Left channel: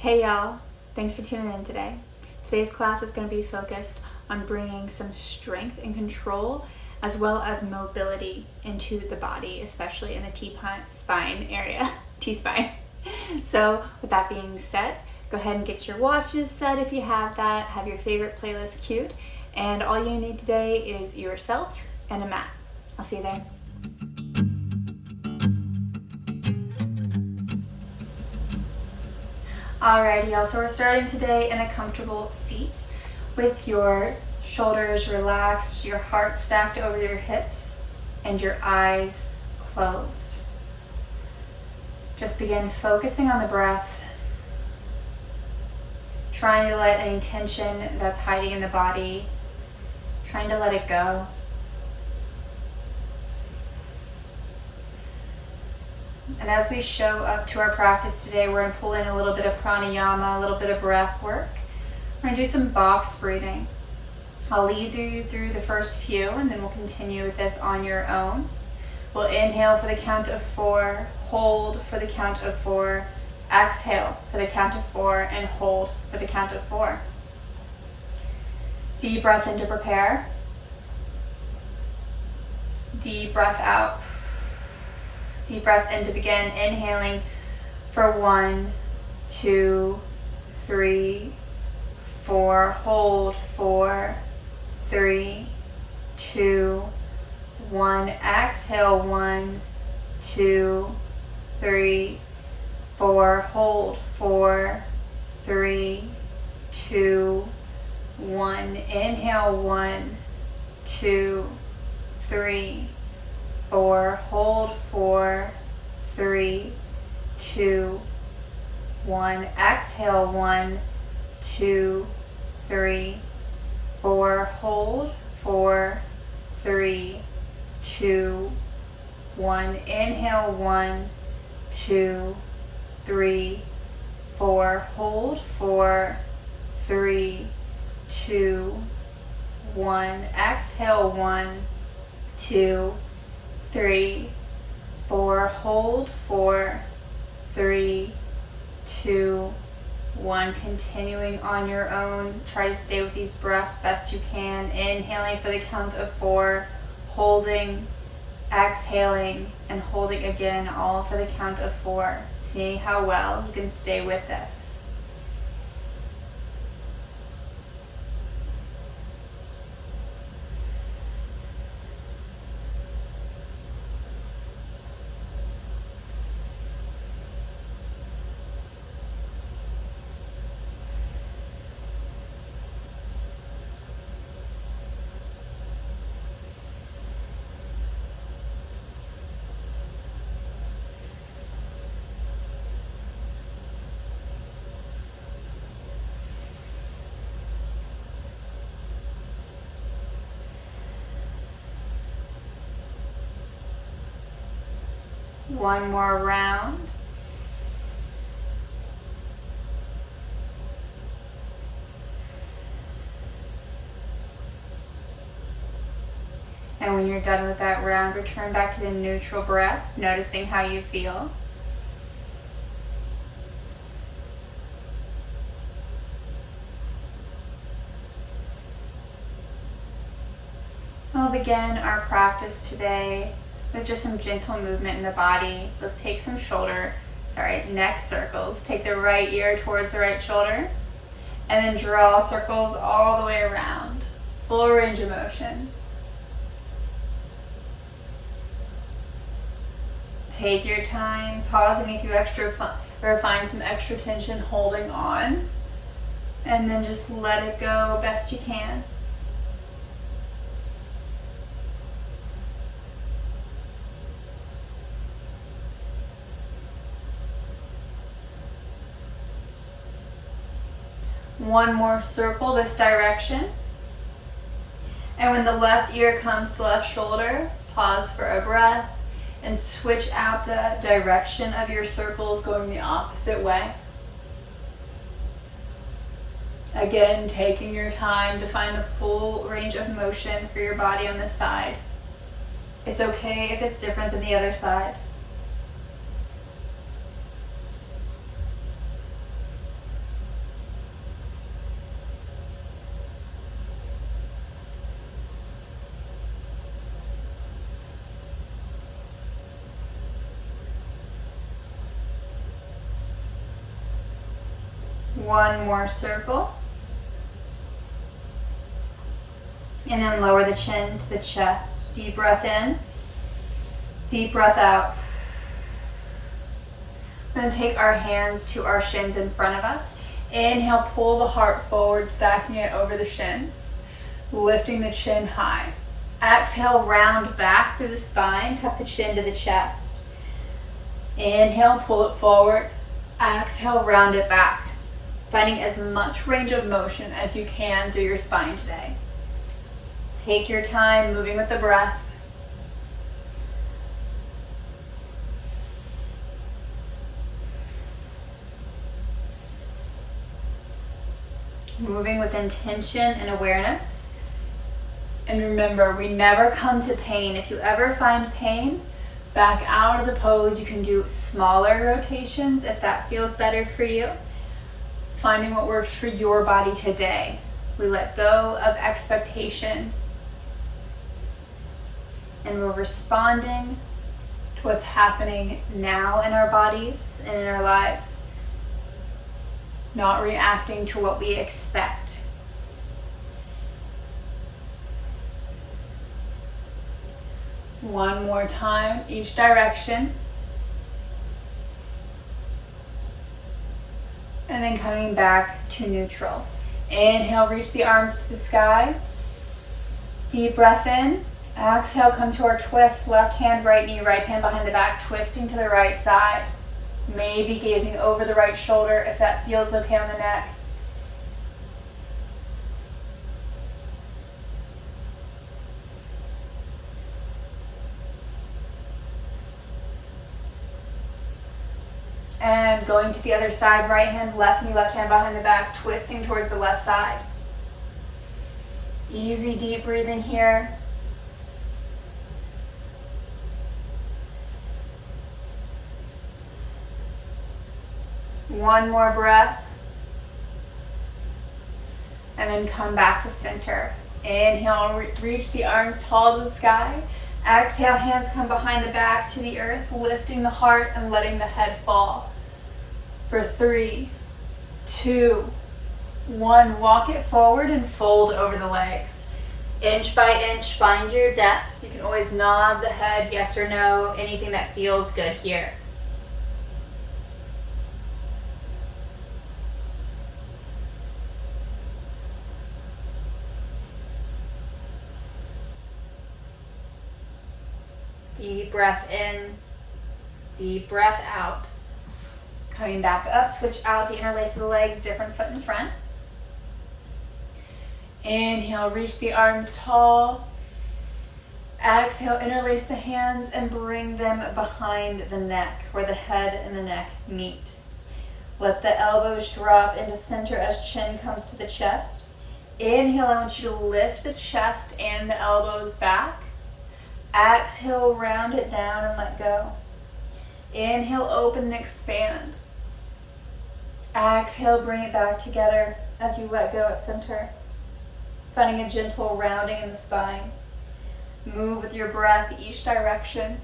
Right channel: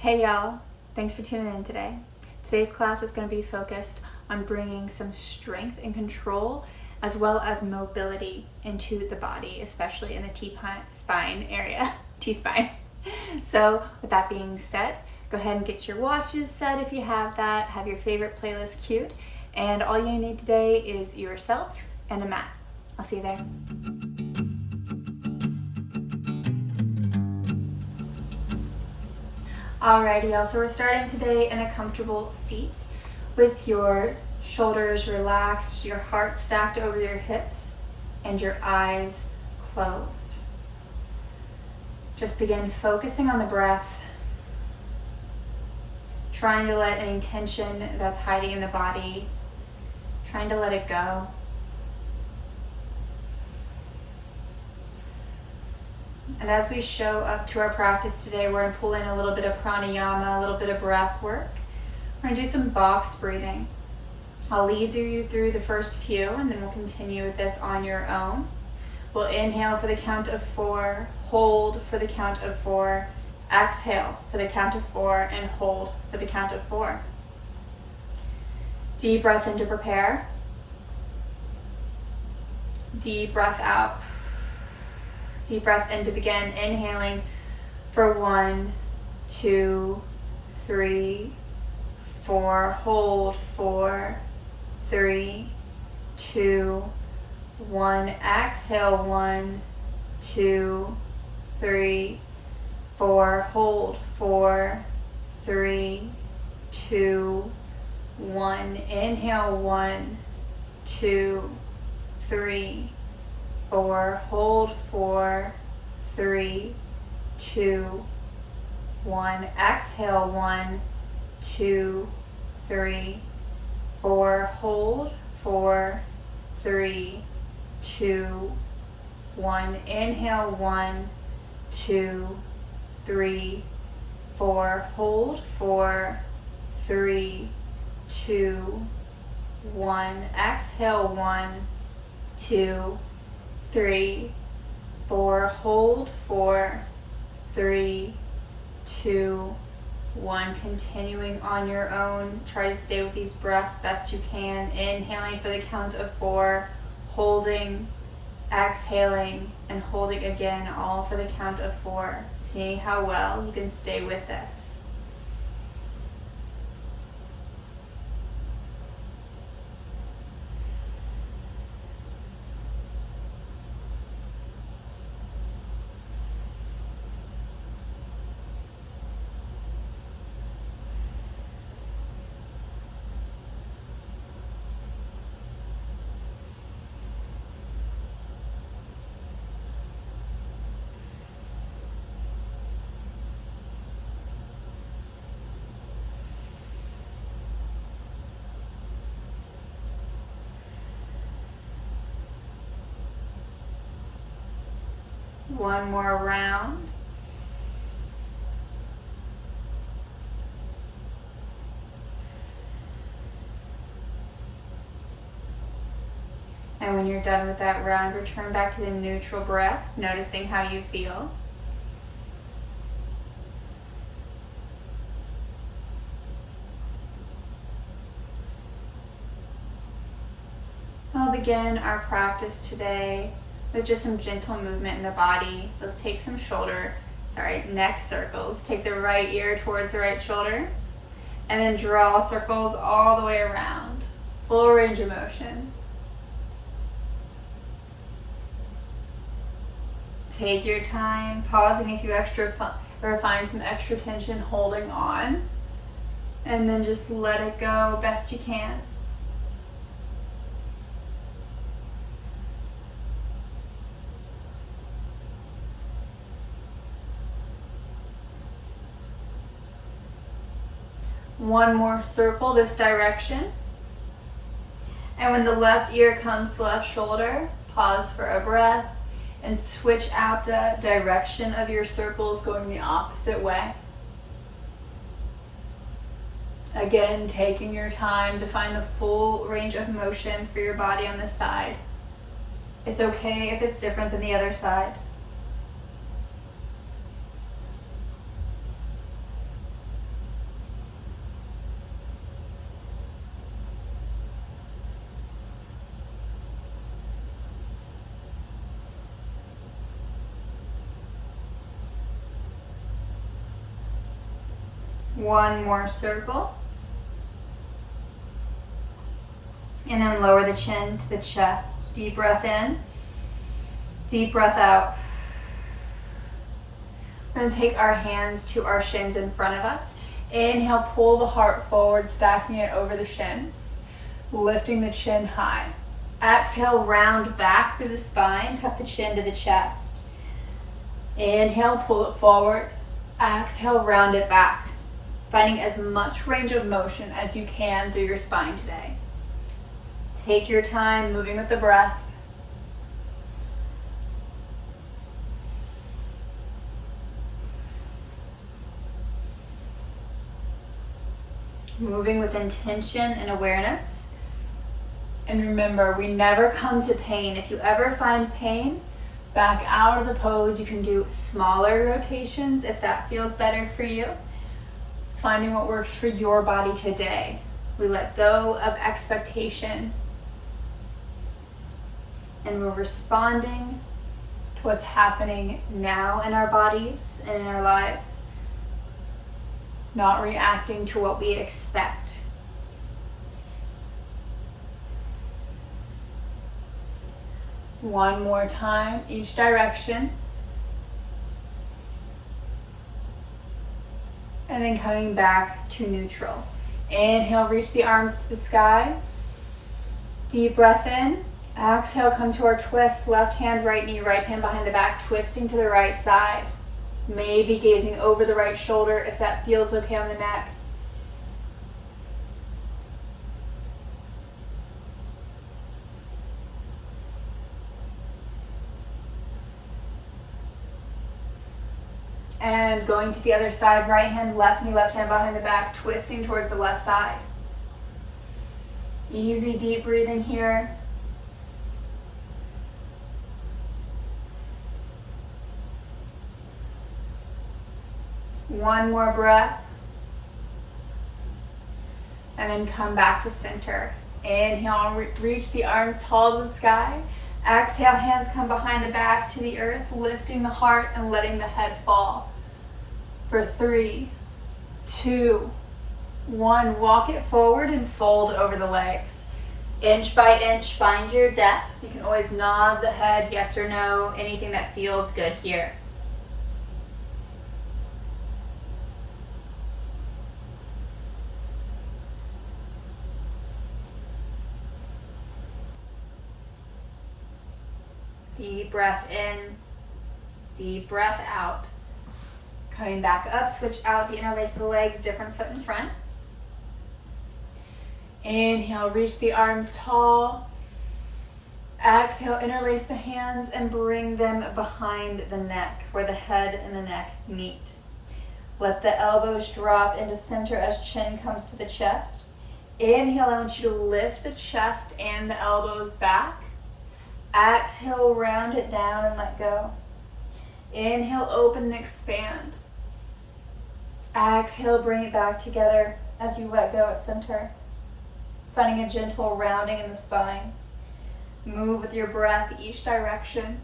Hey y'all, thanks for tuning in today. Today's class is going to be focused on bringing some strength and control as well as mobility into the body, especially in the T-spine area, T-spine. So with that being said, go ahead and get your watches set if you have that, have your favorite playlist queued, and all you need today is yourself and a mat. I'll see you there. Alrighty, y'all, so we're starting today in a comfortable seat with your shoulders relaxed, your heart stacked over your hips, and your eyes closed. Just begin focusing on the breath, trying to let any tension that's hiding in the body, trying to let it go. And as we show up to our practice today, we're going to pull in a little bit of pranayama, a little bit of breath work. We're going to do some box breathing. I'll lead you through the first few, and then we'll continue with this on your own. We'll inhale for the count of 4, hold for the count of 4, exhale for the count of 4, and hold for the count of 4. Deep breath in to prepare. Deep breath out. Deep breath in to begin. Inhaling for 1, 2, 3, 4. Hold 4, 3, 2, 1. Exhale 1, 2, 3, 4. Hold 4, 3, 2, 1. Inhale 1, 2, 3, 4. Hold 4, 3, 2, 1. Exhale 1, 2, 3, 4. Hold 4, 3, 2, 1. Inhale 1, 2, 3, 4. Hold 4, 3, 2, 1. Exhale 1, 2, 3, 4. Hold 4, 3, 2, 1. Continuing on your own. Try to stay with these breaths best you can. Inhaling for the count of 4, holding, exhaling, and holding again, all for the count of 4. See how well you can stay with this. One more round. And when you're done with that round, return back to the neutral breath, noticing how you feel. We'll begin our practice today with just some gentle movement in the body. Let's take some neck circles. Take the right ear towards the right shoulder, and then draw circles all the way around. Full range of motion. Take your time, pausing if you find some extra tension holding on, and then just let it go best you can. One more circle this direction. And when the left ear comes to the left shoulder, pause for a breath and switch out the direction of your circles, going the opposite way. Again, taking your time to find the full range of motion for your body on this side. It's okay if it's different than the other side. One more circle. And then lower the chin to the chest. Deep breath in, deep breath out. We're going to take our hands to our shins in front of us. Inhale, pull the heart forward, stacking it over the shins, lifting the chin high. Exhale, round back through the spine, tuck the chin to the chest. Inhale, pull it forward. Exhale, round it back. Finding as much range of motion as you can through your spine today. Take your time moving with the breath. Moving with intention and awareness. And remember, we never come to pain. If you ever find pain, back out of the pose. You can do smaller rotations if that feels better for you. Finding what works for your body today. We let go of expectation. And we're responding to what's happening now in our bodies and in our lives. Not reacting to what we expect. One more time, each direction. And then coming back to neutral. Inhale, reach the arms to the sky. Deep breath in. Exhale, come to our twist. Left hand, right knee, right hand behind the back, twisting to the right side. Maybe gazing over the right shoulder if that feels okay on the neck. And going to the other side, right hand, left knee, left hand behind the back, twisting towards the left side. Easy, deep breathing here. One more breath. And then come back to center. Inhale, reach the arms tall to the sky. Exhale, hands come behind the back to the earth, lifting the heart and letting the head fall. For 3, 2, 1, walk it forward and fold over the legs. Inch by inch, find your depth. You can always nod the head, yes or no, anything that feels good here. Deep breath in, deep breath out. Coming back up, switch out the interlace of the legs, different foot in front. Inhale, reach the arms tall. Exhale, interlace the hands and bring them behind the neck, where the head and the neck meet. Let the elbows drop into center as chin comes to the chest. Inhale, I want you to lift the chest and the elbows back. Exhale, round it down and let go. Inhale, open and expand. Exhale, bring it back together as you let go at center. Finding a gentle rounding in the spine. Move with your breath each direction.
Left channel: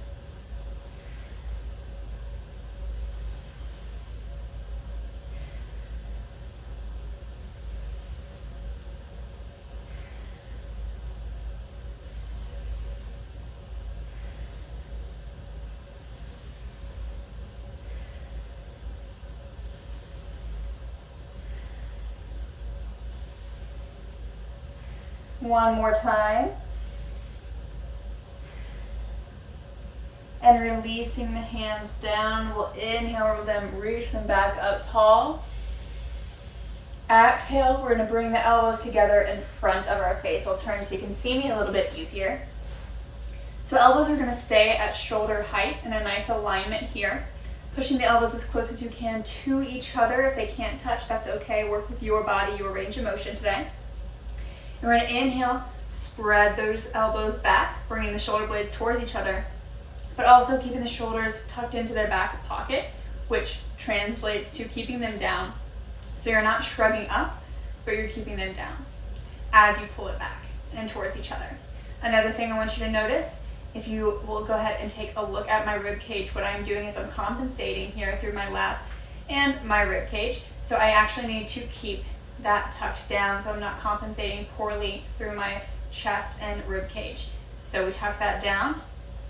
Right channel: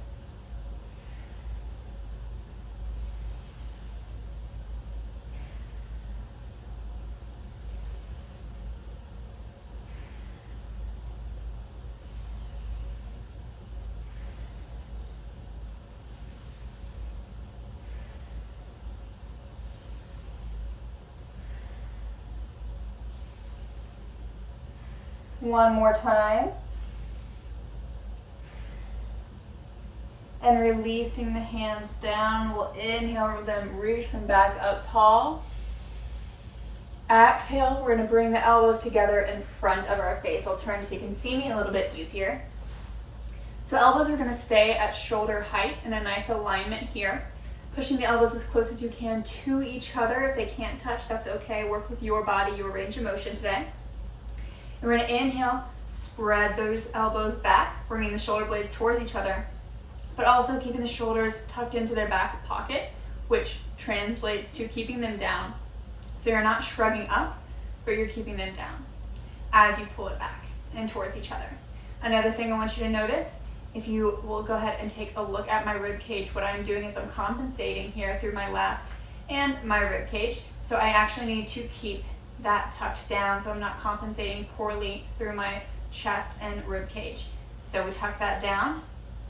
One more time. And releasing the hands down. We'll inhale them, reach them back up tall. Exhale, we're going to bring the elbows together in front of our face. I'll turn so you can see me a little bit easier. So elbows are going to stay at shoulder height in a nice alignment here. Pushing the elbows as close as you can to each other. If they can't touch, that's okay. Work with your body, your range of motion today. And we're going to inhale, spread those elbows back, bringing the shoulder blades towards each other, but also keeping the shoulders tucked into their back pocket, which translates to keeping them down. So you're not shrugging up, but you're keeping them down as you pull it back and towards each other. Another thing I want you to notice, if you will go ahead and take a look at my rib cage, what I'm doing is I'm compensating here through my lats and my rib cage. So I actually need to keep that tucked down so I'm not compensating poorly through my chest and rib cage. So we tuck that down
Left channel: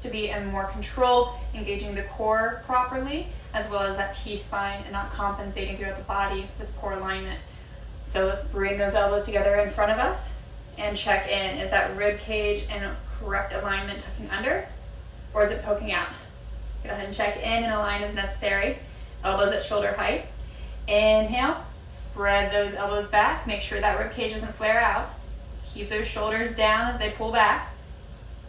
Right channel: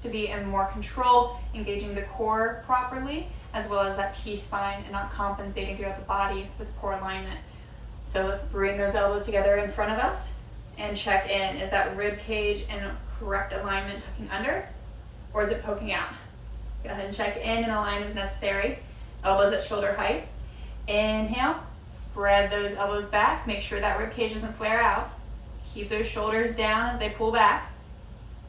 to be in more control, engaging the core properly, as well as that T-spine and not compensating throughout the body with poor alignment. So let's bring those elbows together in front of us and check in. Is that rib cage in correct alignment, tucking under, or is it poking out? Go ahead and check in and align as necessary. Elbows at shoulder height. Inhale, spread those elbows back. Make sure that rib cage doesn't flare out. Keep those shoulders down as they pull back.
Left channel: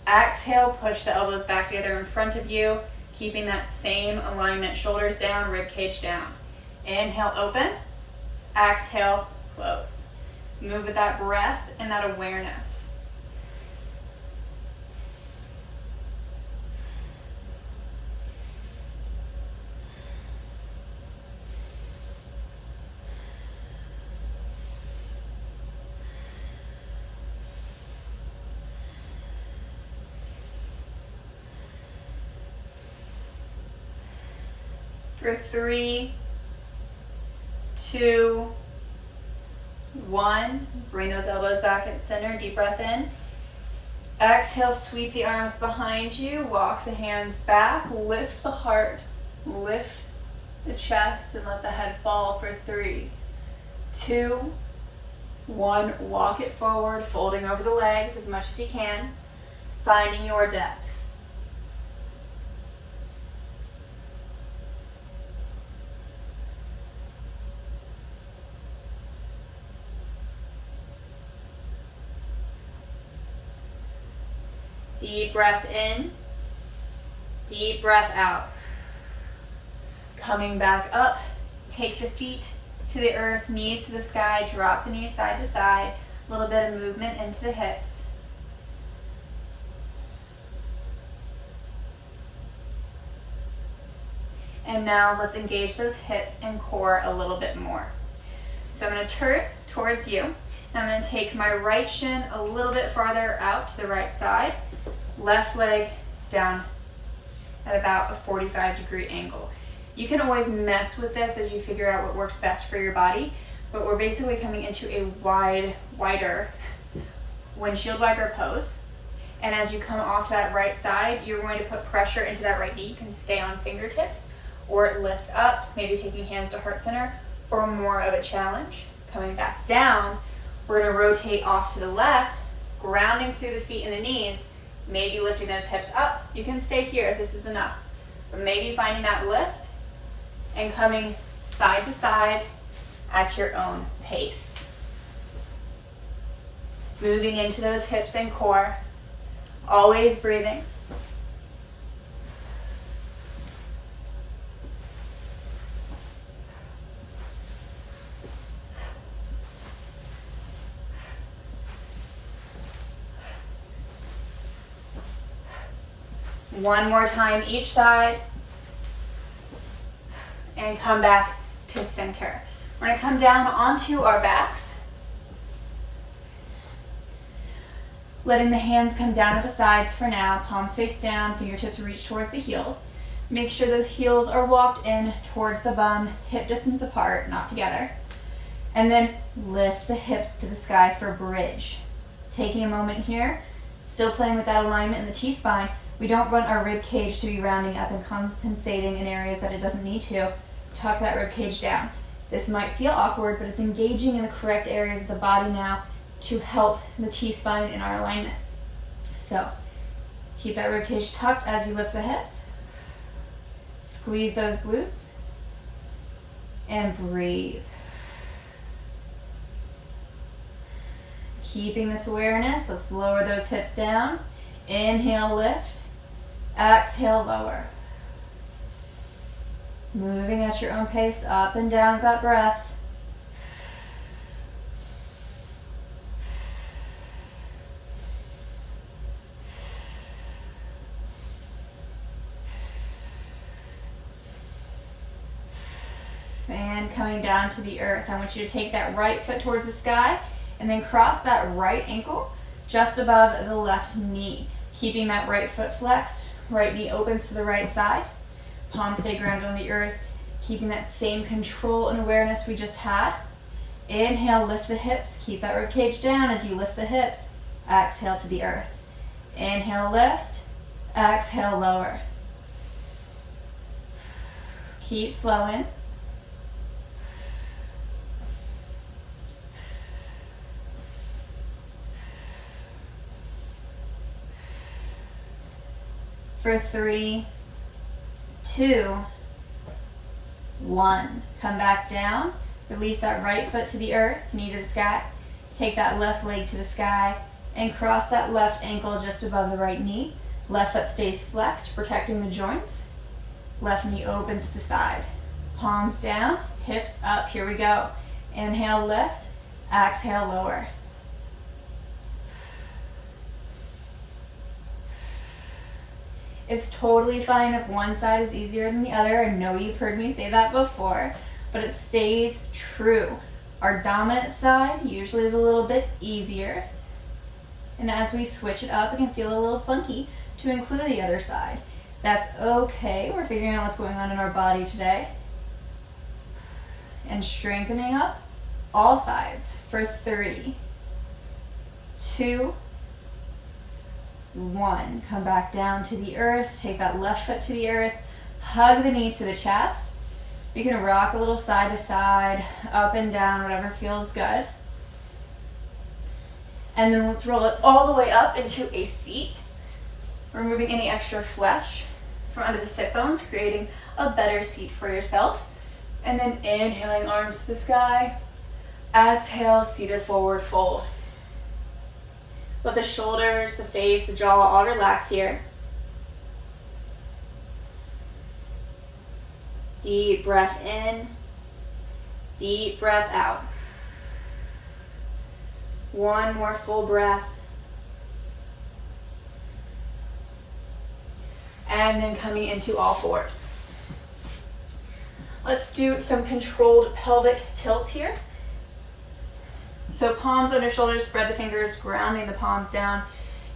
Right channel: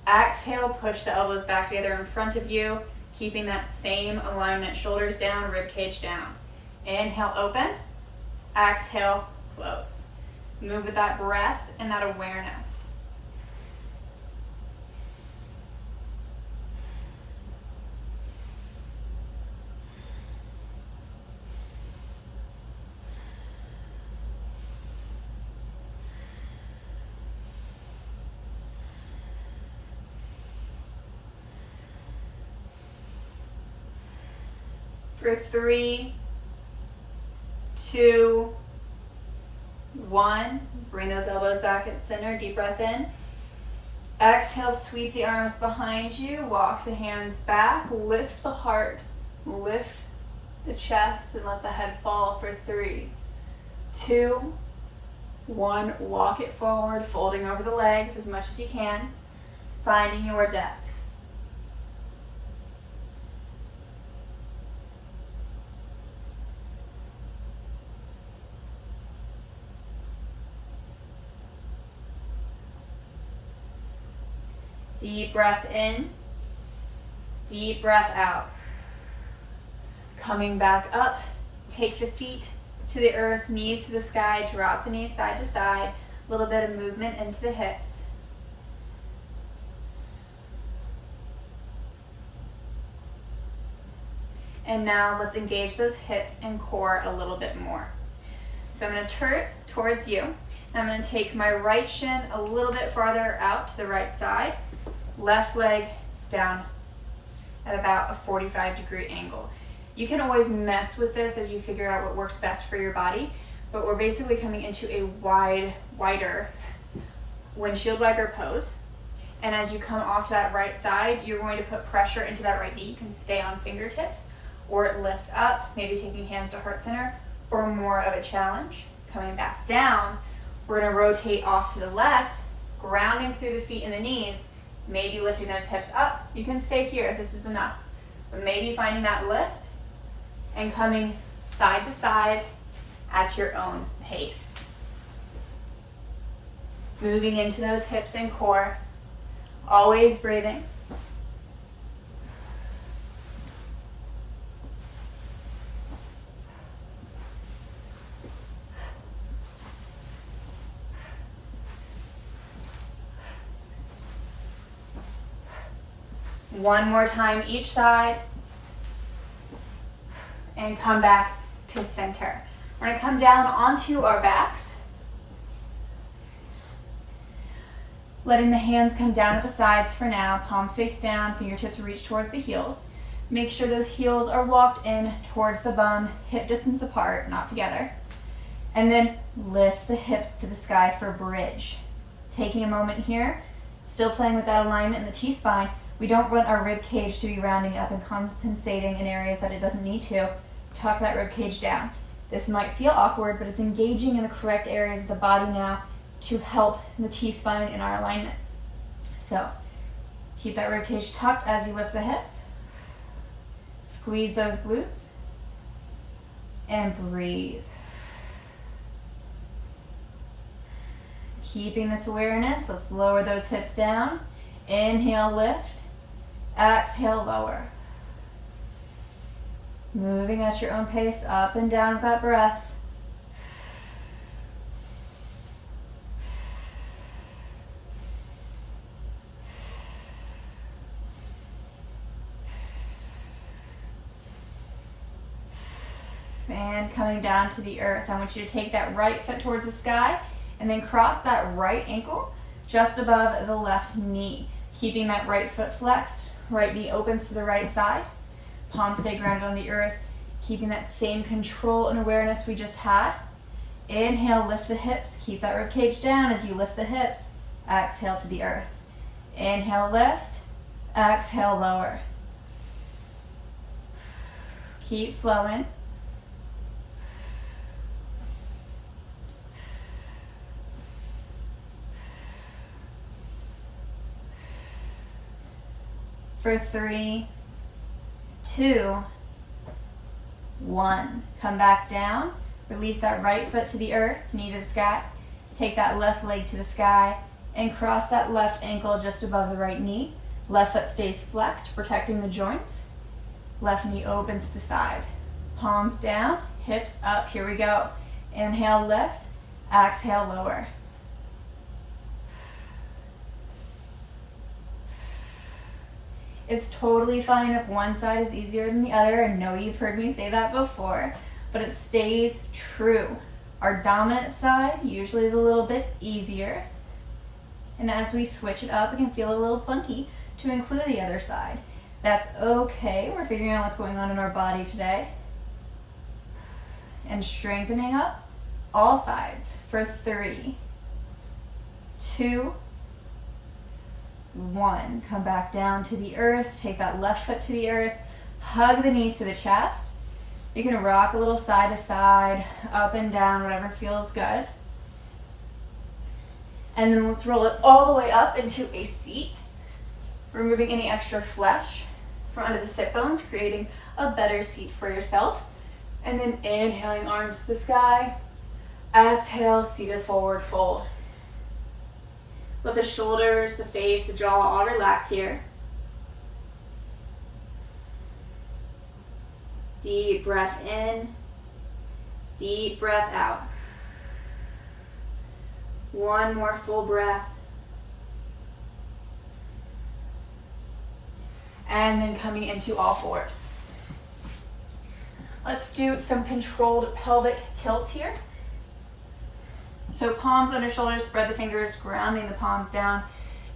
Exhale, push the elbows back together in front of you, keeping that same alignment, shoulders down, rib cage down. Inhale, open. Exhale, close. Move with that breath and that awareness. For 3, 2, 1, bring those elbows back at center, deep breath in. Exhale, sweep the arms behind you, walk the hands back, lift the heart, lift the chest, and let the head fall for 3, 2, 1, walk it forward, folding over the legs as much as you can, finding your depth. Deep breath in, deep breath out. Coming back up, take the feet to the earth, knees to the sky, drop the knees side to side, a little bit of movement into the hips. And now let's engage those hips and core a little bit more. So I'm going to turn towards you. I'm going to take my right shin a little bit farther out to the right side. Left leg down at about a 45-degree angle. You can always mess with this as you figure out what works best for your body, but we're basically coming into a wider windshield wiper pose. And as you come off to that right side, you're going to put pressure into that right knee. You can stay on fingertips or lift up, maybe taking hands to heart center, or more of a challenge. Coming back down, we're going to rotate off to the left, grounding through the feet and the knees, maybe lifting those hips up. You can stay here if this is enough, but maybe finding that lift and coming side to side at your own pace. Moving into those hips and core, always breathing. One more time each side, and come back to center. We're going to come down onto our backs, letting the hands come down at the sides for now, palms face down, fingertips reach towards the heels. Make sure those heels are walked in towards the bum, hip distance apart, not together. And then lift the hips to the sky for bridge. Taking a moment here, still playing with that alignment in the T-spine. We don't want our rib cage to be rounding up and compensating in areas that it doesn't need to. Tuck that rib cage down. This might feel awkward, but it's engaging in the correct areas of the body now to help the T-spine in our alignment. So keep that rib cage tucked as you lift the hips. Squeeze those glutes and breathe. Keeping this awareness, let's lower those hips down. Inhale, lift. Exhale, lower. Moving at your own pace, up and down with that breath. And coming down to the earth, I want you to take that right foot towards the sky and then cross that right ankle just above the left knee. Keeping that right foot flexed, right knee opens to the right side. Palms stay grounded on the earth. Keeping that same control and awareness we just had. Inhale, lift the hips. Keep that rib cage down as you lift the hips. Exhale to the earth. Inhale, lift. Exhale, lower. Keep flowing. For 3, 2, 1. Come back down. Release that right foot to the earth, knee to the sky. Take that left leg to the sky and cross that left ankle just above the right knee. Left foot stays flexed, protecting the joints. Left knee opens to the side. Palms down, hips up. Here we go. Inhale, lift. Exhale, lower. It's totally fine if one side is easier than the other. I know you've heard me say that before, but it stays true. Our dominant side usually is a little bit easier. And as we switch it up, it can feel a little funky to include the other side. That's okay. We're figuring out what's going on in our body today. And strengthening up all sides for 3, 2, 1. Come back down to the earth. Take that left foot to the earth. Hug the knees to the chest. You can rock a little side to side, up and down, whatever feels good. And then let's roll it all the way up into a seat, removing any extra flesh from under the sit bones, creating a better seat for yourself. And then inhaling, arms to the sky. Exhale, seated forward fold. Let the shoulders, the face, the jaw all relax here. Deep breath in, deep breath out. One more full breath. And then coming into all fours. Let's do some controlled pelvic tilt here. So palms under shoulders, spread the fingers, grounding the palms down.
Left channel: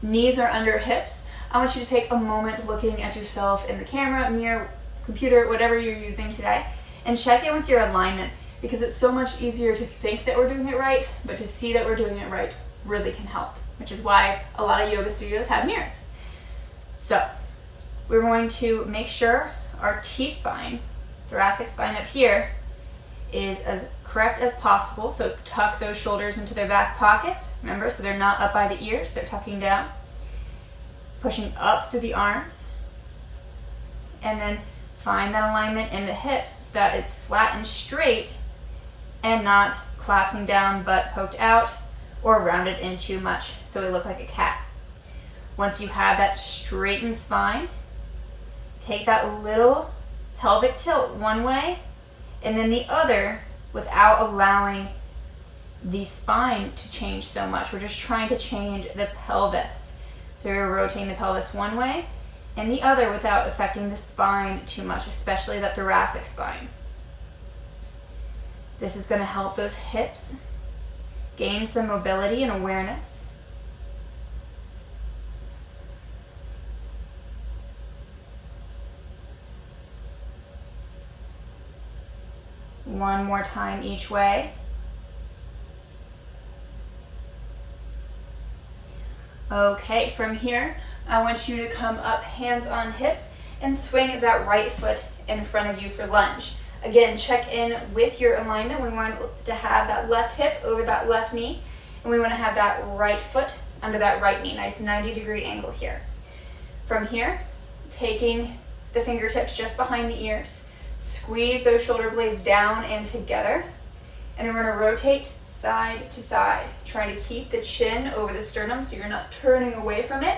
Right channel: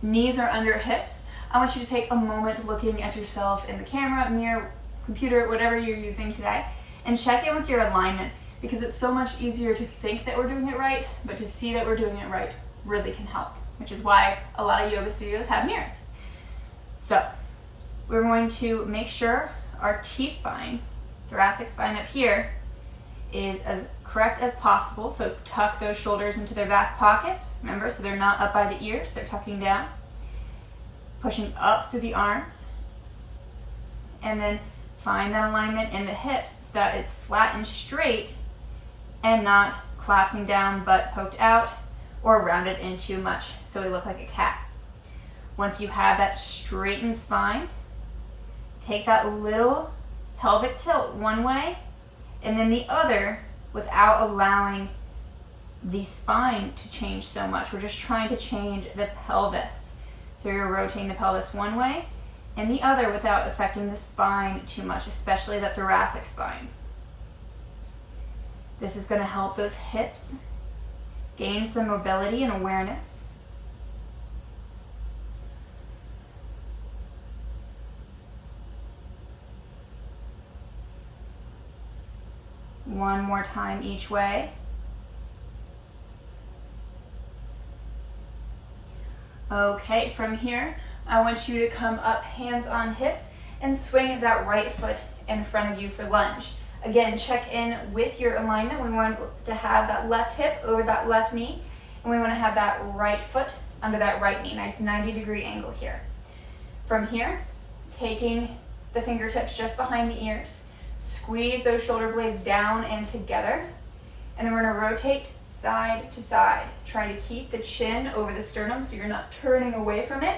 Knees are under hips. I want you to take a moment looking at yourself in the camera, mirror, computer, whatever you're using today, and check in with your alignment, because it's so much easier to think that we're doing it right, but to see that we're doing it right really can help, which is why a lot of yoga studios have mirrors. So we're going to make sure our T-spine, thoracic spine up here, is as correct as possible. So tuck those shoulders into their back pockets, remember, so they're not up by the ears, they're tucking down. Pushing up through the arms, and then find that alignment in the hips so that it's flat and straight and not collapsing down, butt poked out, or rounded in too much so we look like a cat. Once you have that straightened spine, take that little pelvic tilt one way and then the other without allowing the spine to change so much. We're just trying to change the pelvis. So you're rotating the pelvis one way and the other without affecting the spine too much, especially that thoracic spine. This is going to help those hips gain some mobility and awareness. One more time each way. Okay, from here, I want you to come up, hands on hips, and swing that right foot in front of you for lunge. Again, check in with your alignment. We want to have that left hip over that left knee, and we want to have that right foot under that right knee. Nice 90-degree angle here. From here, taking the fingertips just behind the ears, squeeze those shoulder blades down and together, and then we're going to rotate side to side, trying to keep the chin over the sternum so you're not turning away from it,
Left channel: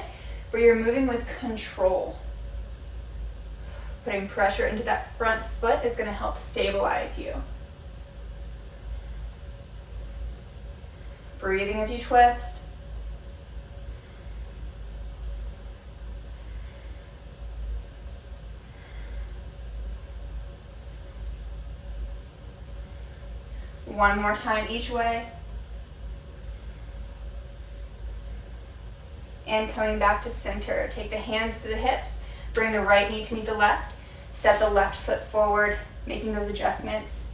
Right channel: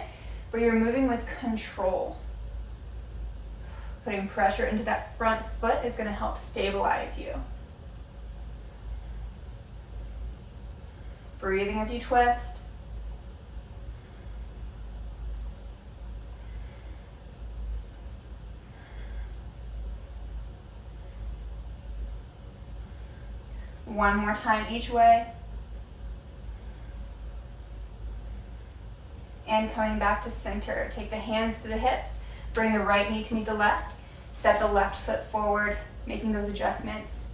but you're moving with control. Putting pressure into that front foot is going to help stabilize you. Breathing as you twist. One more time each way. And coming back to center. Take the hands to the hips. Bring the right knee to meet the left. Step the left foot forward, making those adjustments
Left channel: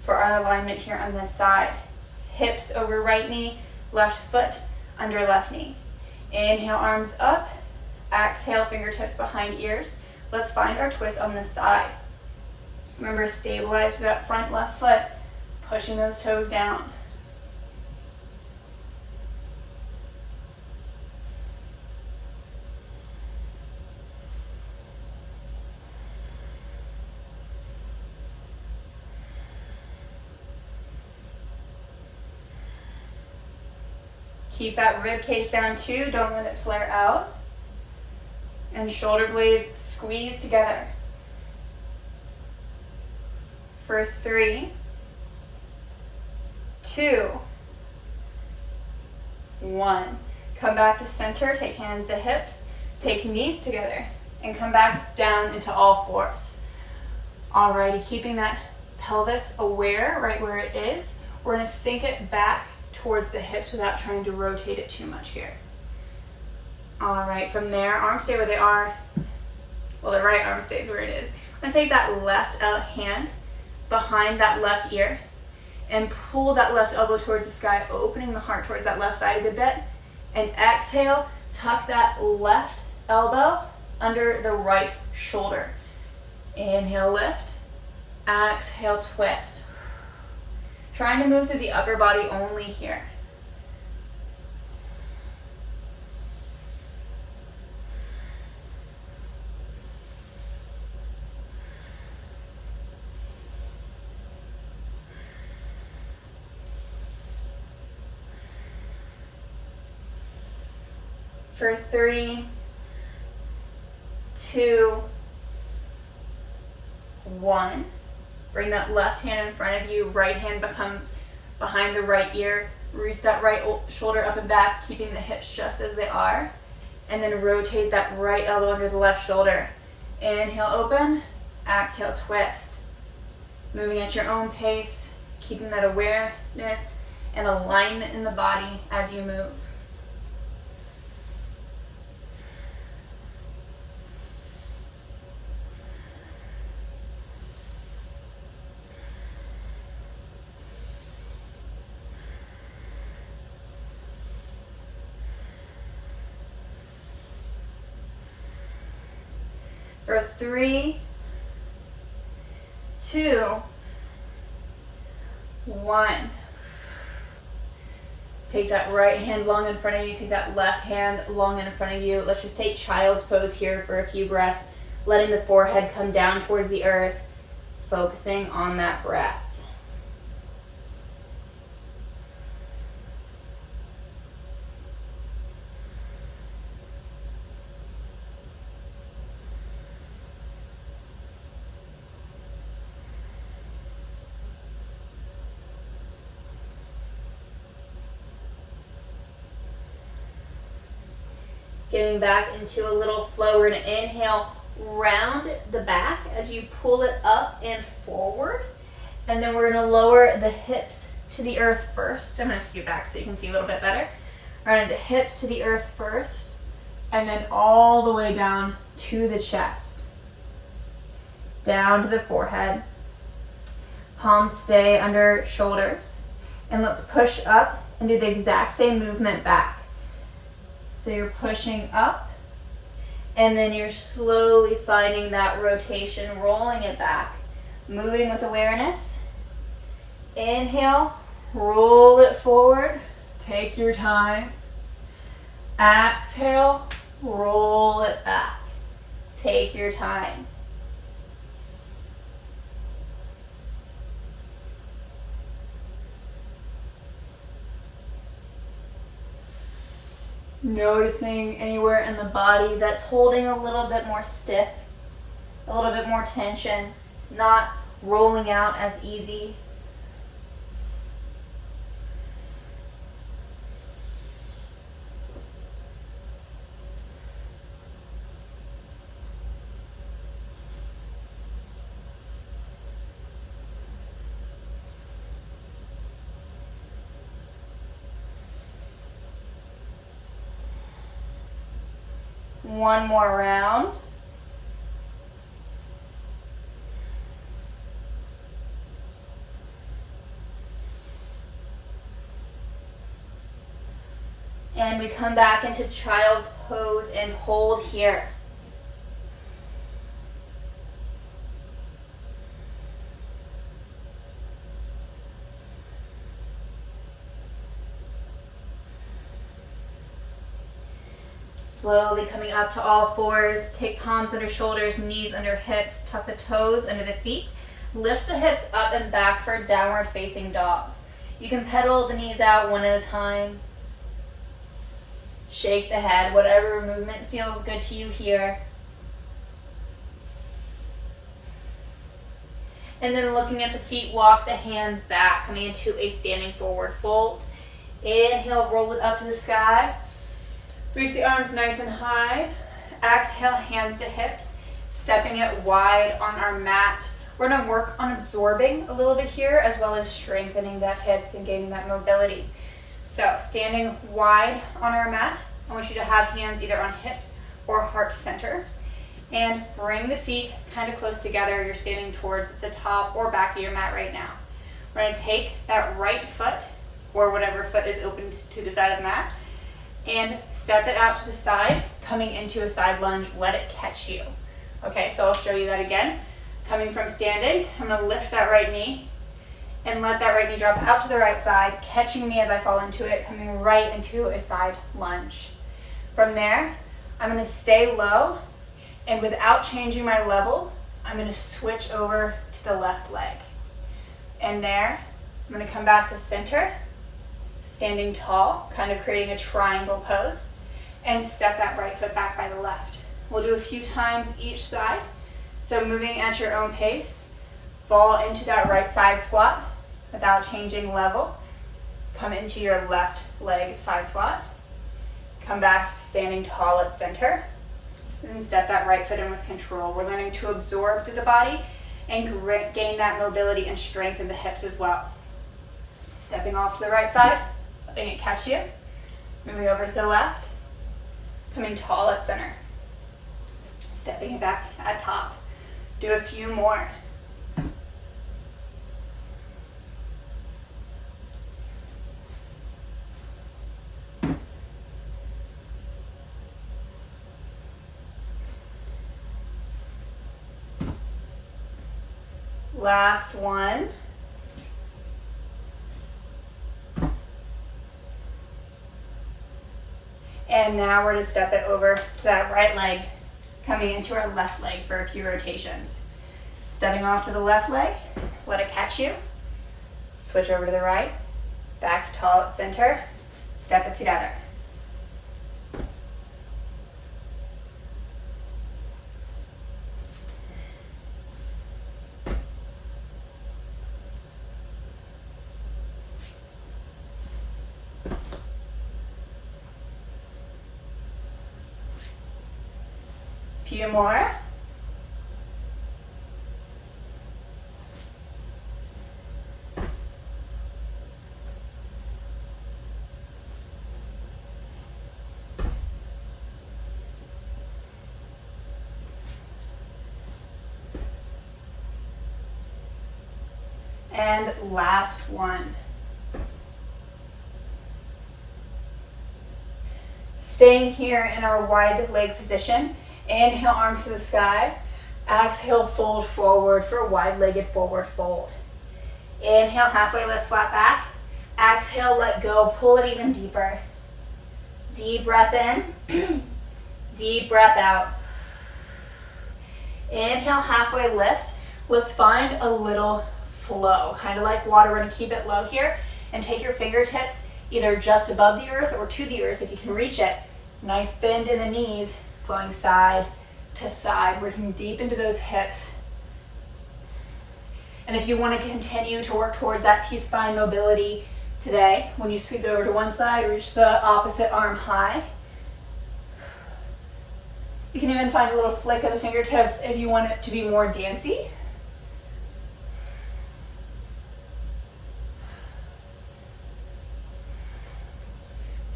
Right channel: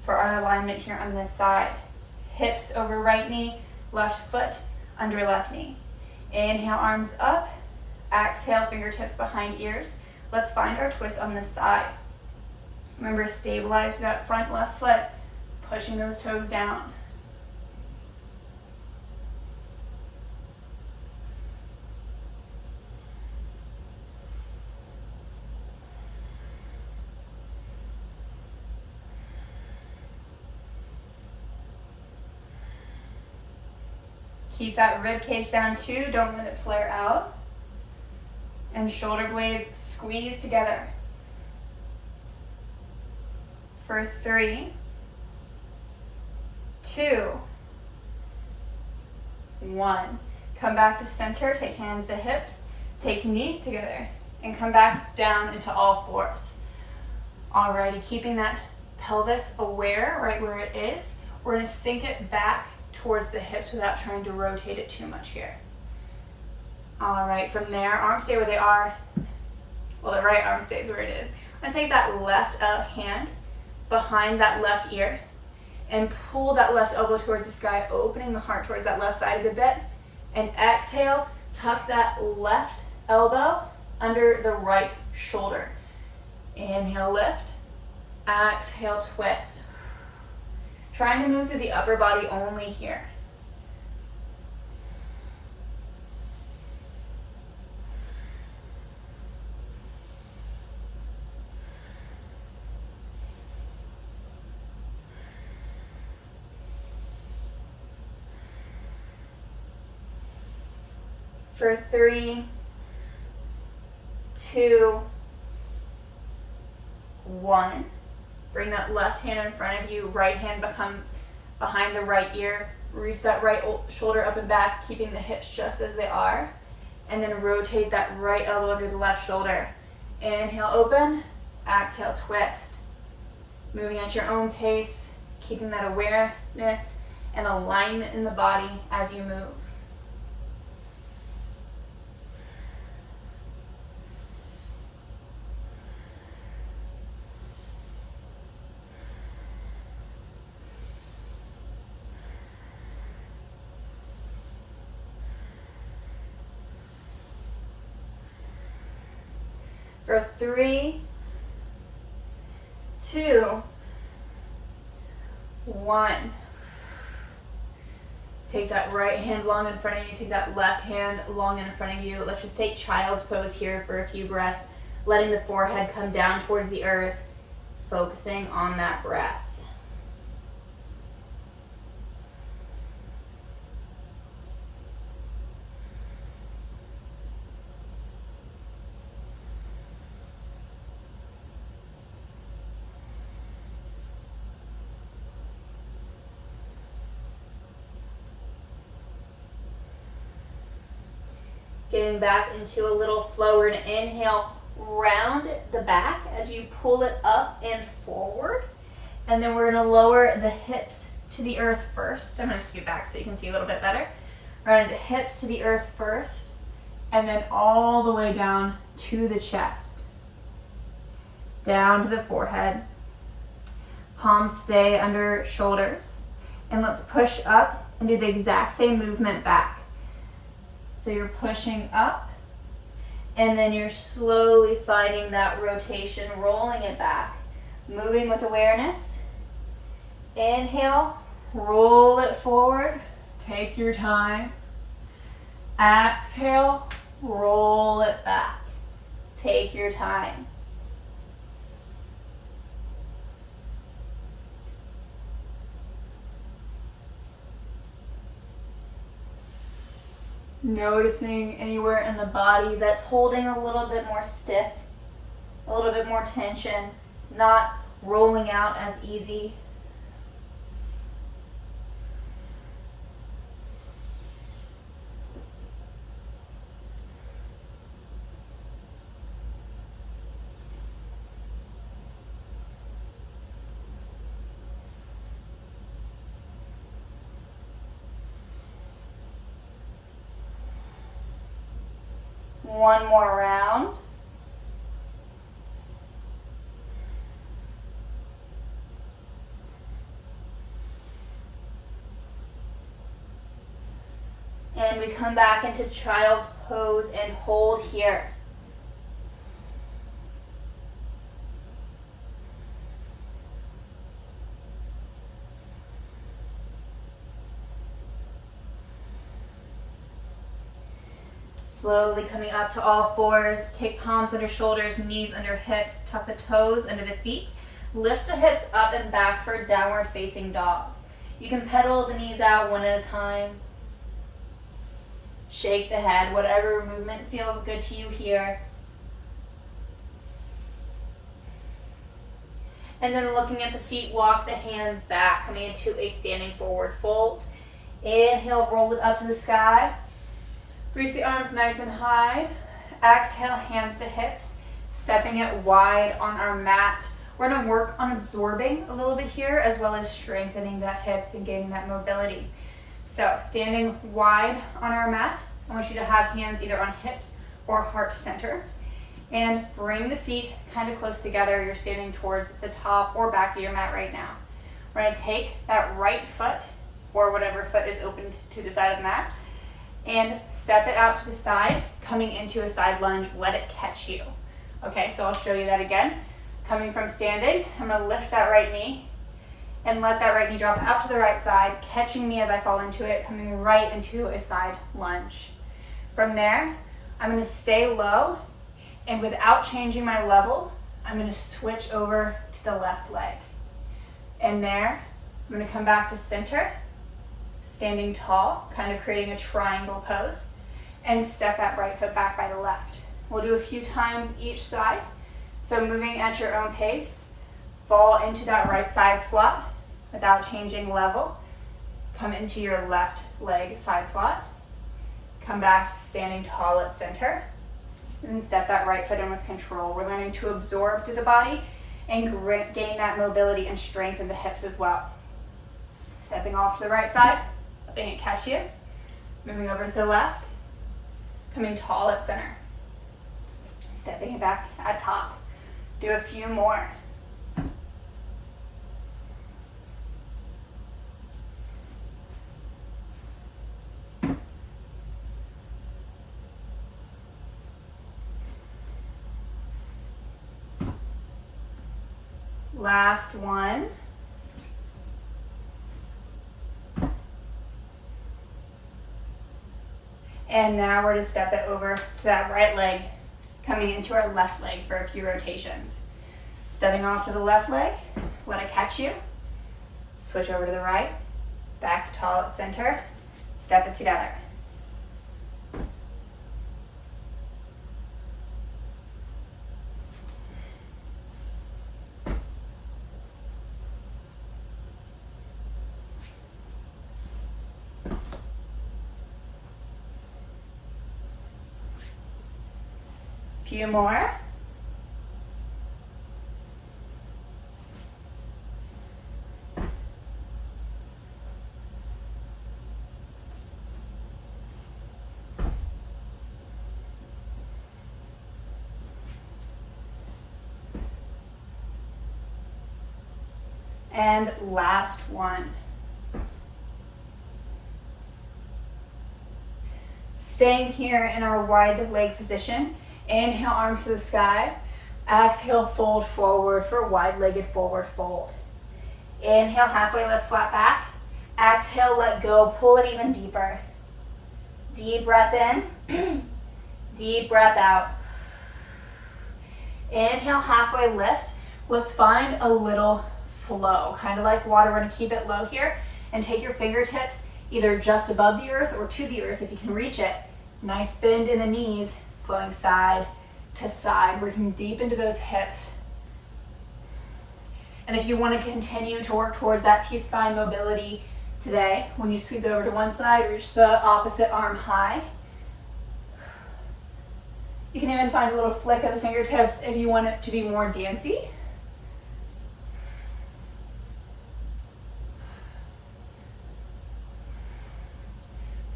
for our alignment here on this side. Hips over right knee, left foot under left knee. Inhale, arms up. Exhale, fingertips behind ears. Let's find our twist on this side. Remember, stabilize that front left foot, pushing those toes down. Keep that rib cage down too, don't let it flare out. And shoulder blades squeeze together. For 3, 2, 1. Come back to center, take hands to hips, take knees together, and come back down into all fours. Alrighty, keeping that pelvis aware right where it is, we're gonna sink it back towards the hips without trying to rotate it too much here. All right, from there, arms stay where they are. Well, the right arm stays where it is. I'm gonna take that left hand behind that left ear and pull that left elbow towards the sky, opening the heart towards that left side a good bit. And exhale, tuck that left elbow under the right shoulder. Inhale, lift. Exhale, twist. Trying to move through the upper body only here. For 3, 2, 1. Bring that left hand in front of you, right hand becomes behind the right ear. Reach that right shoulder up and back, keeping the hips just as they are. And then rotate that right elbow under the left shoulder. Inhale, open. Exhale, twist. Moving at your own pace, keeping that awareness and alignment in the body as you move. For 3, 2, 1. Take that right hand long in front of you, take that left hand long in front of you. Let's just take child's pose here for a few breaths, letting the forehead come down towards the earth, focusing on that breath. Getting back into a little flow, we're gonna inhale, round the back as you pull it up and forward. And then we're gonna lower the hips to the earth first. I'm gonna scoot back so you can see a little bit better. Right, the hips to the earth first, and then all the way down to the chest. Down to the forehead. Palms stay under shoulders. And let's push up and do the exact same movement back. So you're pushing up, and then you're slowly finding that rotation, rolling it back, moving with awareness. Inhale, roll it forward, take your time. Exhale, roll it back, take your time. Noticing anywhere in the body that's holding a little bit more stiff, a little bit more tension, not rolling out as easy. One more round. And we come back into child's pose and hold here. Slowly coming up to all fours. Take palms under shoulders, knees under hips. Tuck the toes under the feet. Lift the hips up and back for downward facing dog. You can pedal the knees out one at a time. Shake the head, whatever movement feels good to you here. And then looking at the feet, walk the hands back, coming into a standing forward fold. Inhale, roll it up to the sky. Reach the arms nice and high. Exhale, hands to hips, stepping it wide on our mat. We're gonna work on absorbing a little bit here, as well as strengthening that hips and gaining that mobility. So standing wide on our mat, I want you to have hands either on hips or heart center. And bring the feet kind of close together. You're standing towards the top or back of your mat right now. We're gonna take that right foot, or whatever foot is open to the side of the mat, and step it out to the side, coming into a side lunge. Let it catch you. Okay, so I'll show you that again. Coming from standing, I'm gonna lift that right knee and let that right knee drop out to the right side, catching me as I fall into it, coming right into a side lunge. From there, I'm gonna stay low, and without changing my level, I'm gonna switch over to the left leg. And there, I'm gonna come back to center, standing tall, kind of creating a triangle pose, and step that right foot back by the left. We'll do a few times each side. So moving at your own pace, fall into that right side squat without changing level. Come into your left leg side squat. Come back standing tall at center. And step that right foot in with control. We're learning to absorb through the body and gain that mobility and strength in the hips as well. Stepping off to the right side, letting it catch you. Moving over to the left, coming tall at center. Stepping it back at top. Do a few more. Last one. And now we're going to step it over to that right leg, coming into our left leg for a few rotations. Stepping off to the left leg, let it catch you. Switch over to the right, back tall at center, step it together. Few more. And last one. Staying here in our wide leg position. Inhale, arms to the sky. Exhale, fold forward for wide-legged forward fold. Inhale, halfway lift, flat back. Exhale, let go, pull it even deeper. Deep breath in, deep breath out. Inhale, halfway lift. Let's find a little flow, kind of like water. We're gonna keep it low here and take your fingertips either just above the earth or to the earth if you can reach it. Nice bend in the knees. Flowing side to side, working deep into those hips. And if you want to continue to work towards that T-spine mobility today, when you sweep it over to one side, reach the opposite arm high. You can even find a little flick of the fingertips if you want it to be more dancey.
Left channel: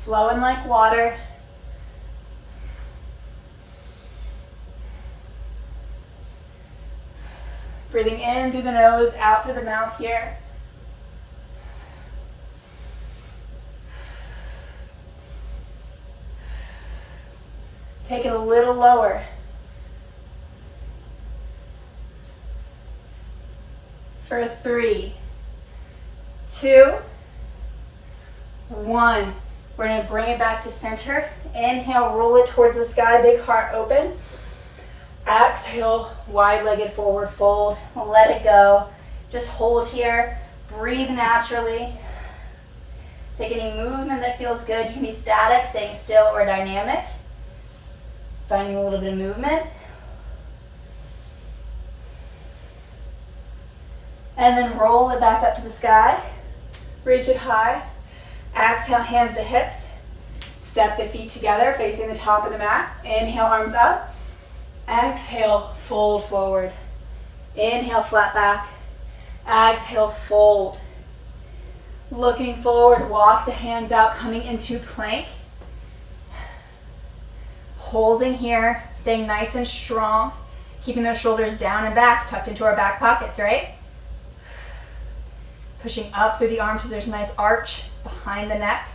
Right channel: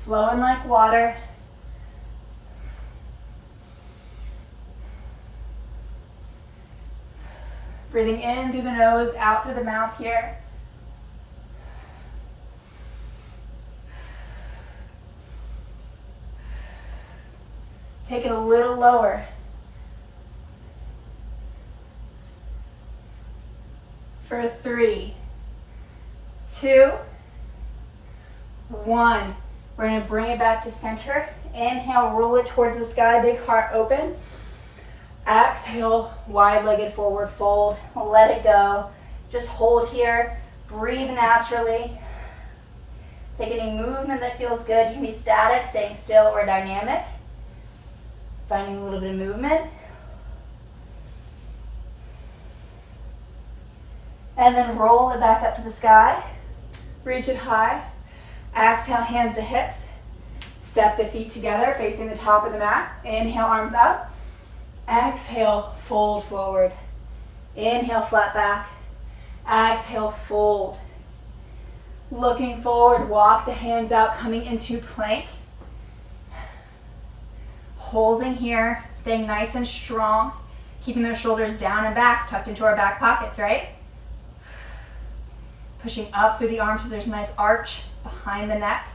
Flowing like water. Breathing in through the nose, out through the mouth here. Take it a little lower. For 3, 2, 1. We're going to bring it back to center. Inhale, roll it towards the sky, big heart open. Exhale, wide-legged forward fold. Let it go. Just hold here. Breathe naturally. Take any movement that feels good. You can be static, staying still, or dynamic. Finding a little bit of movement. And then roll it back up to the sky. Reach it high. Exhale, hands to hips. Step the feet together, facing the top of the mat. Inhale, arms up. Exhale, fold forward. Inhale, flat back. Exhale, fold. Looking forward, walk the hands out, coming into plank. Holding here, staying nice and strong. Keeping those shoulders down and back, tucked into our back pockets, right? Pushing up through the arms so there's a nice arch behind the neck.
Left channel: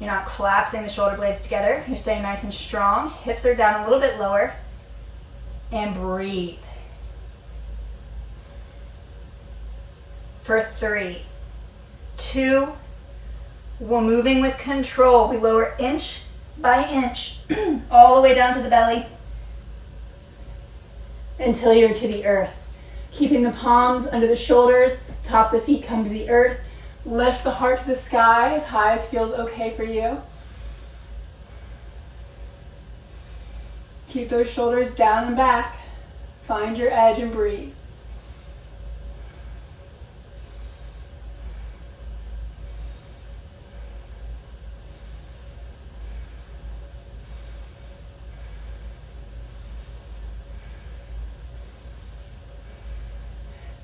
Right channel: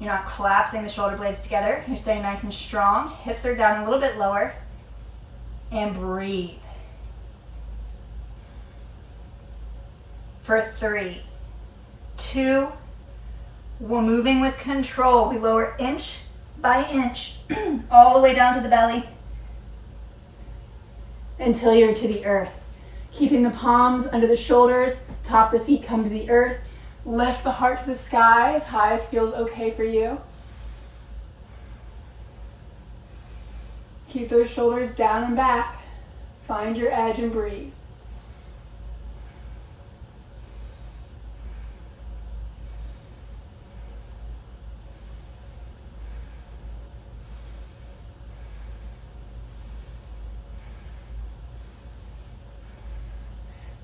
You're not collapsing the shoulder blades together. You're staying nice and strong. Hips are down a little bit lower. And breathe. For 3, 2, we're moving with control. We lower inch by inch all the way down to the belly until you're to the earth. Keeping the palms under the shoulders, tops of feet come to the earth. Lift the heart to the sky as high as feels okay for you. Keep those shoulders down and back. Find your edge and breathe.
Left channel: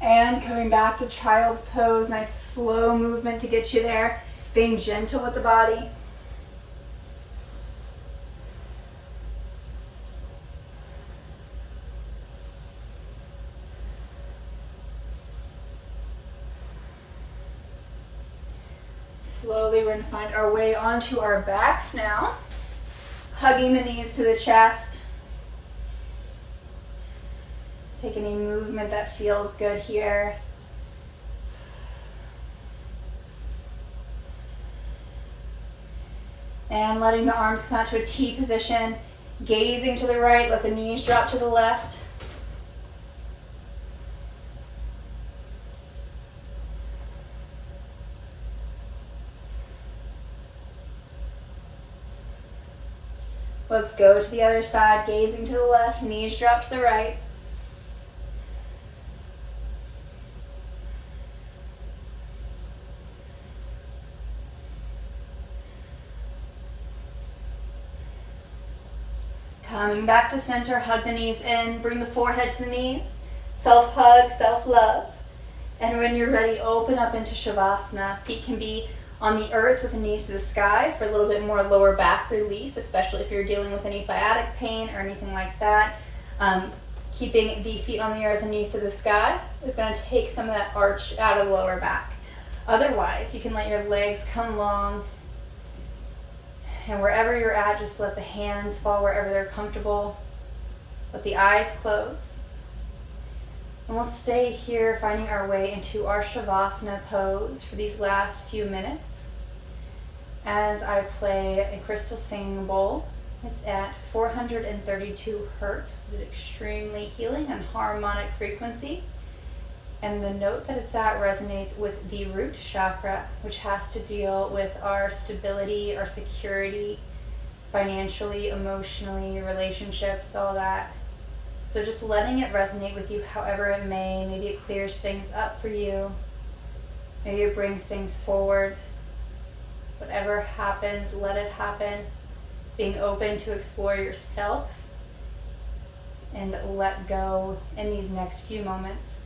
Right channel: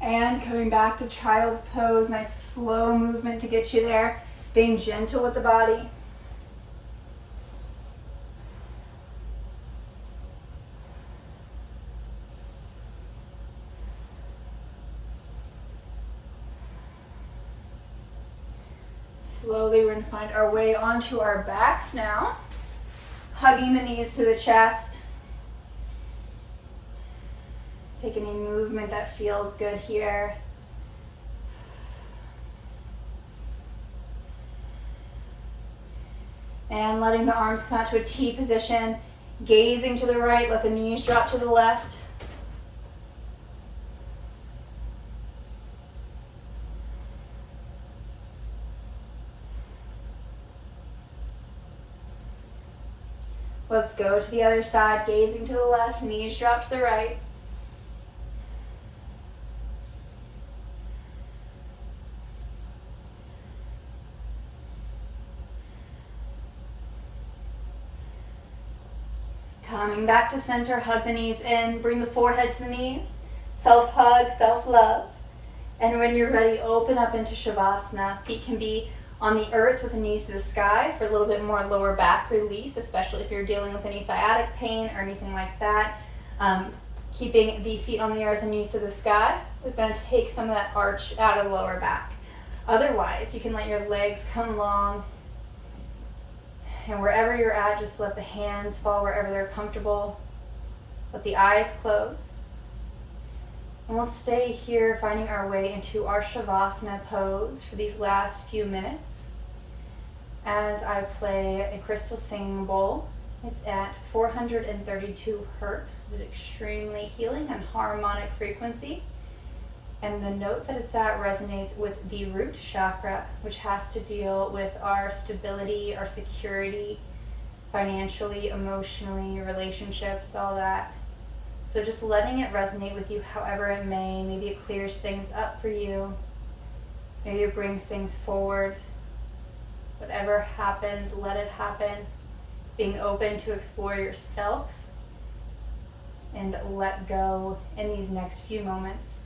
And coming back to child's pose, nice slow movement to get you there. Being gentle with the body. Slowly we're going to find our way onto our backs now. Hugging the knees to the chest. Take any movement that feels good here. And letting the arms come out to a T position. Gazing to the right, let the knees drop to the left. Let's go to the other side, gazing to the left, knees drop to the right. Coming back to center, hug the knees in, bring the forehead to the knees, self-hug, self-love. And when you're ready, open up into Shavasana. Feet can be on the earth with the knees to the sky for a little bit more lower back release, especially if you're dealing with any sciatic pain or anything like that. Keeping the feet on the earth and knees to the sky is going to take some of that arch out of the lower back. Otherwise, you can let your legs come long. And wherever you're at, just let the hands fall wherever they're comfortable. Let the eyes close. And we'll stay here, finding our way into our Shavasana pose for these last few minutes. As I play a crystal singing bowl, it's at 432 hertz, which is extremely healing and harmonic frequency. And the note that it's at resonates with the root chakra, which has to deal with our stability, our security, financially, emotionally, relationships, all that. So just letting it resonate with you however it may. Maybe it clears things up for you. Maybe it brings things forward. Whatever happens, let it happen. Being open to explore yourself and let go in these next few moments.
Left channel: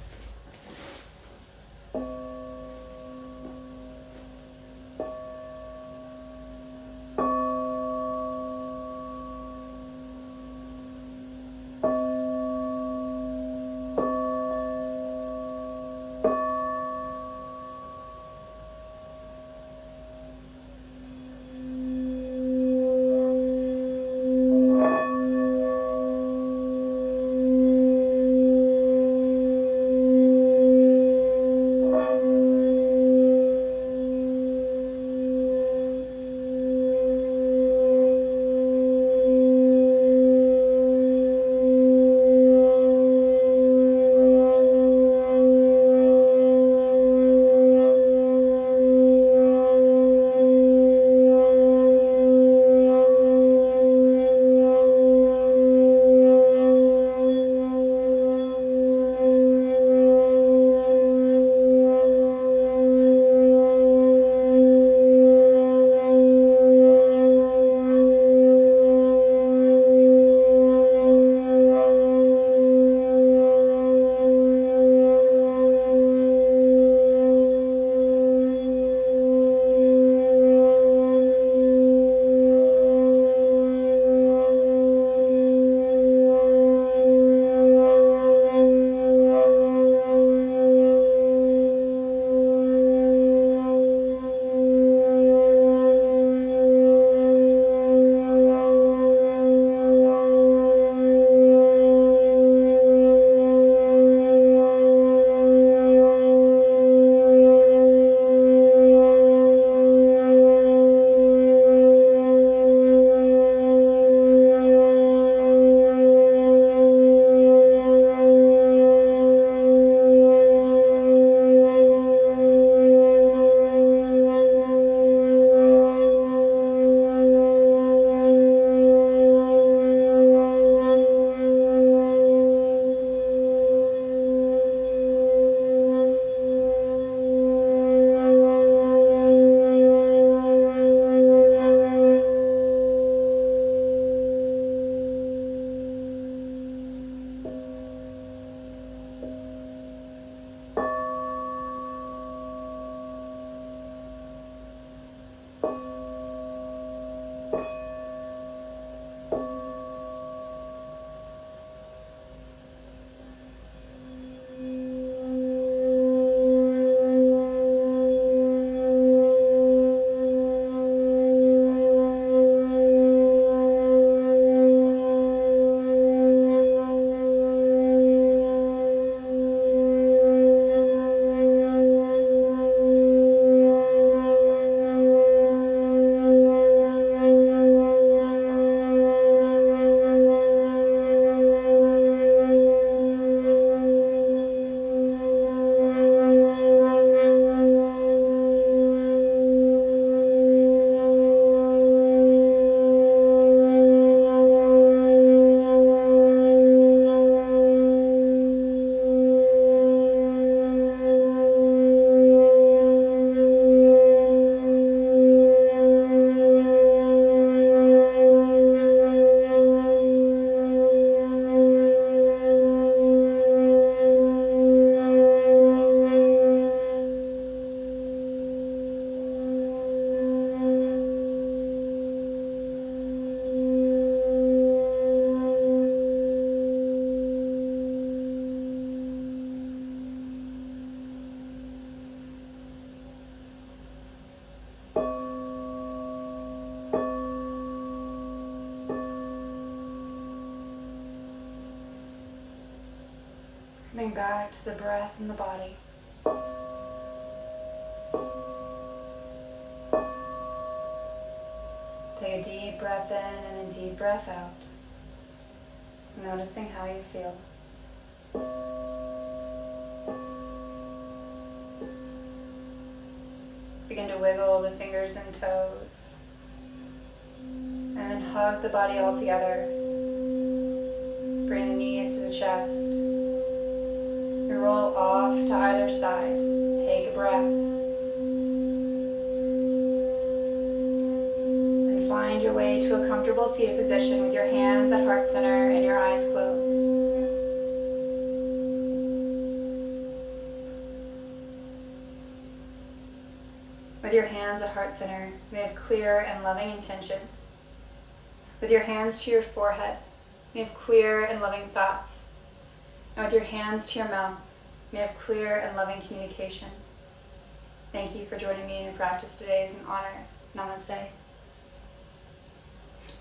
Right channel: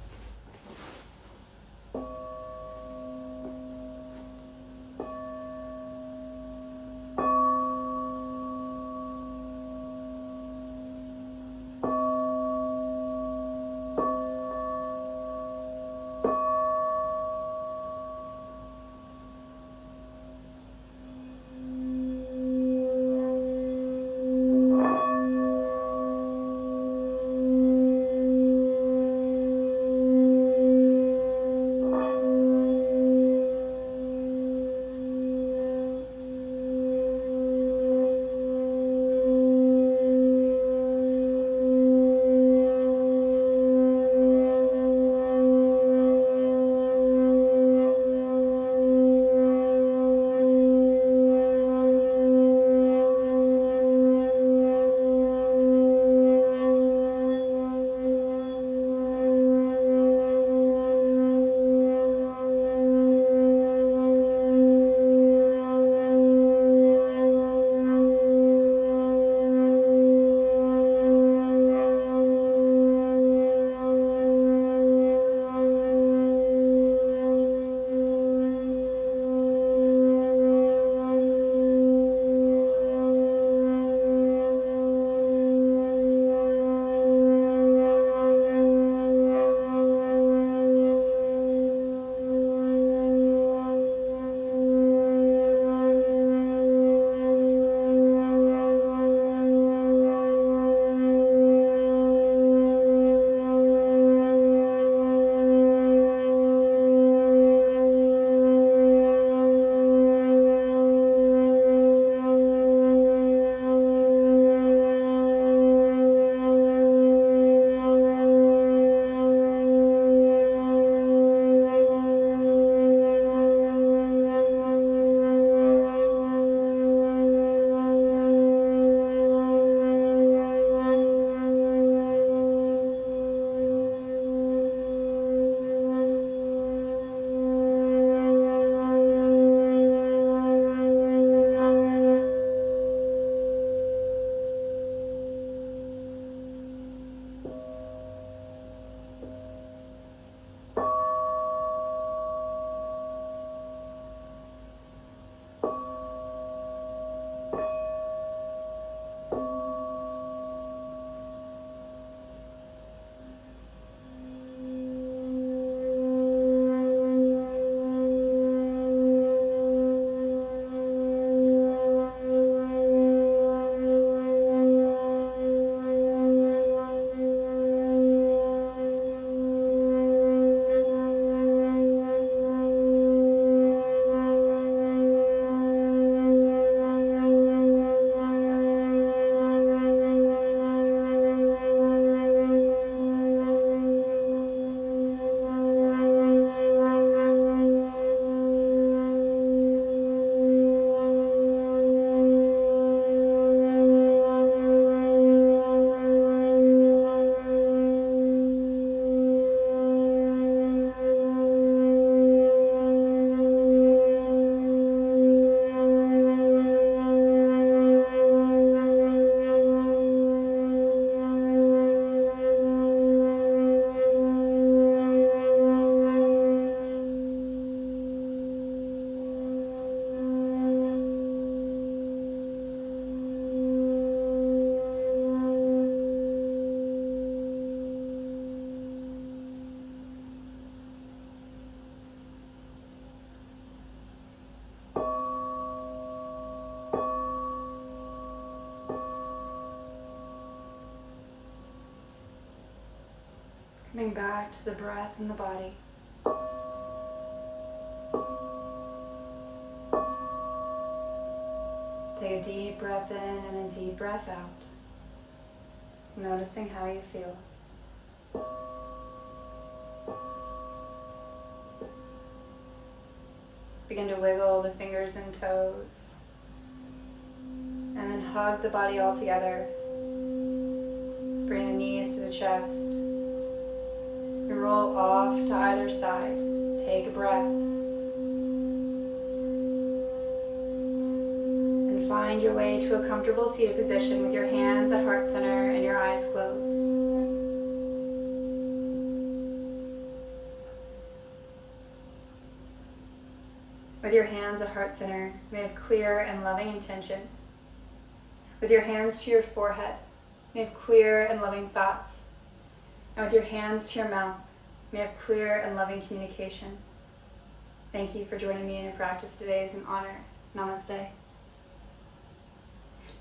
Coming back to the breath and the body. Take a deep breath in and a deep breath out. Noticing how you feel. Begin to wiggle the fingers and toes. And then hug the body all together. Bring the knees to the chest. And roll off to either side. Take a breath. And find your way to a comfortable seated position with your hands at heart center and your eyes closed. With your hands at heart center, may you have clear and loving intentions. With your hands to your forehead, may you have clear and loving thoughts. And with your hands to your mouth, may you have clear and loving communication. Thank you for joining me in your practice today. It's an honor. Namaste.